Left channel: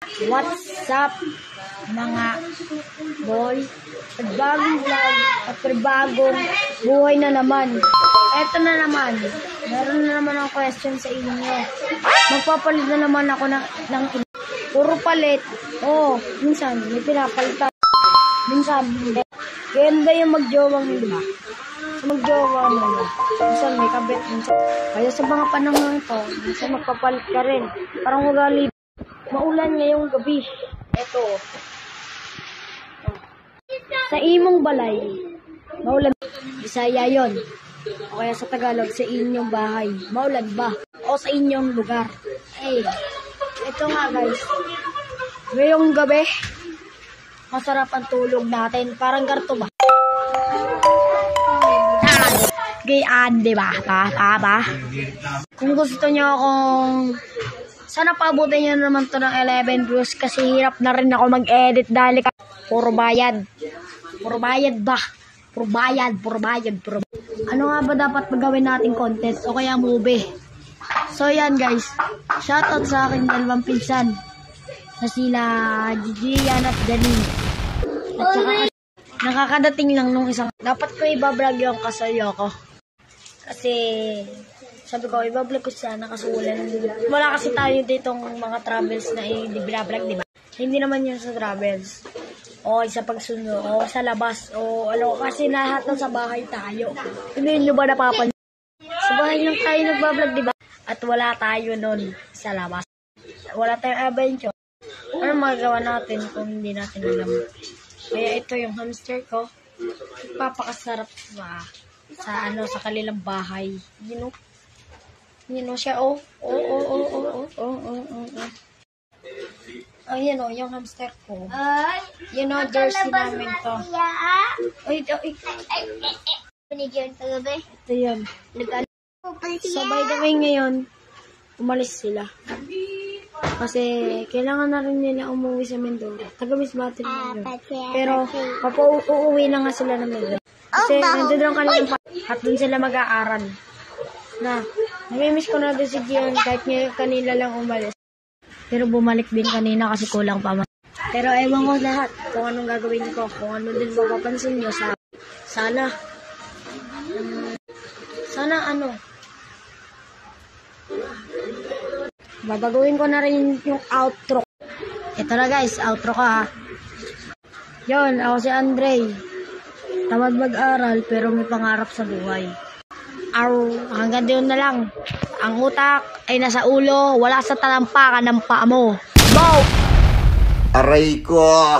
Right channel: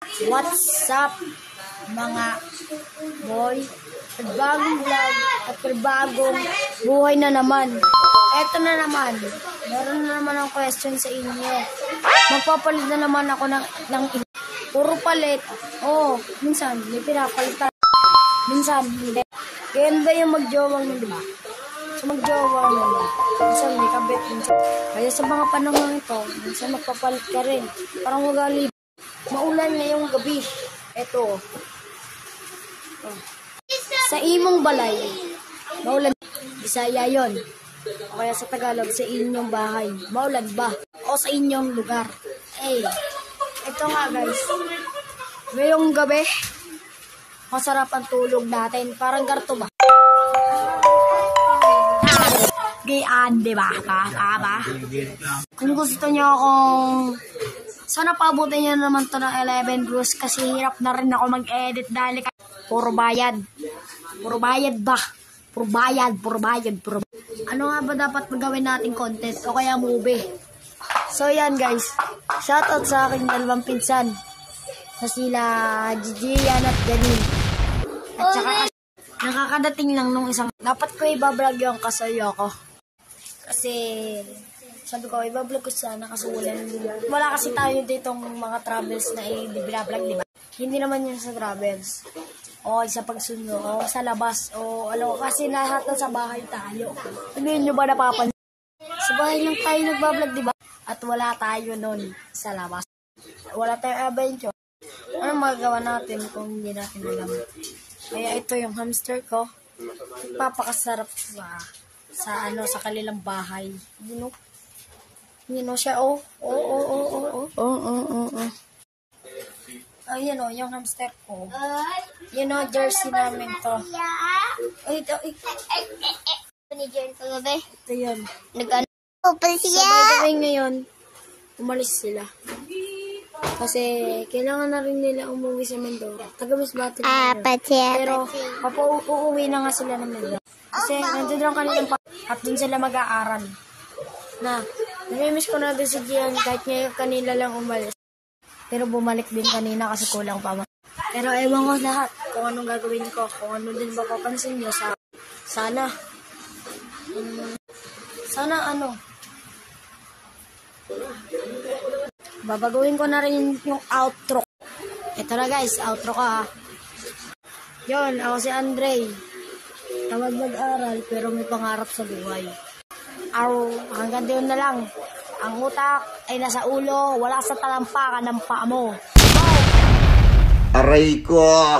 What's up mga boy? Pagbagong vlog at pagbagong buhay na naman. Eto na naman. Meron na naman ang question sa inyo. Magpapalit na naman ako ng puro palit. Minsan may pinapalitan. Minsan ganda yung magjowang iba. So magjowa mo. Minsan may kabit. Kaya sa mga panahon ito, minsan magpapalit ka rin. Parang ugali. Maulan ngayong gabi. Ito. Sa imong balay, maulan. Bisaya yon. O kaya sa Tagalog, sa inyong bahay. Maulan ba? O sa inyong lugar? Ito nga guys. Ngayong gabi, masarap ang tulog natin. Parang garto ba? Gayaan, diba? Kung gusto nyo akong... Sana paabutin nyo naman to ng 11 views kasi hirap na rin ako mag-edit dahil puro bayad. Puro bayad ba? Puro bayad. Ano nga ba dapat magawin nating content o kaya movie? So yan guys, shoutout sa aking dalawang pinsan na sila Gigi, Yan at Janine. At saka nakakadating lang nung isang, dapat ko ibablog yung kasayo ko. Kasi sabi ko, ibablog ko sana kasi wala kasi tayo ditong mga travels na i-vlog, di ba? Hindi naman yun sa travels. O sa pagsundo, o sa labas, o ano, kasi lahat ng sa bahay tayo. Hindi nyo ba napapansin? Sa bahay lang tayo nagbablog, di ba? At wala tayo nun sa labas. Wala tayong adventure. Ano magagawa natin kung hindi natin alam? Kaya ito yung hamster ko. Papakasarap sa kanilang bahay. You know siya, Ayan yung hamster ko. Jersey namin to. Ito yun. So, gagawin ngayon, umalis sila. Kasi, kailangan na rin nila umuwi sa Mindoro. Taga-Misbati na. Pero, uuwi na nga sila ng Mindoro. Kasi, nandun lang kanilang at dun sila mag-aaral. Namimiss ko na din si Gion kahit ngayon kanila lang umalis. Pero bumalik din kanina kasi kulang pa man. Pero ewan ko lahat kung anong gagawin ko. Kung ano din mapapansin nyo sana babagawin ko na rin yung outro. Ito na guys, outro ko ha. Yun, ako si Andre. Tamad mag-aral pero may pangarap sa buhay. Hanggang doon na lang. Ang utak ay nasa ulo, wala sa talampakan ng paa mo. Aray ko!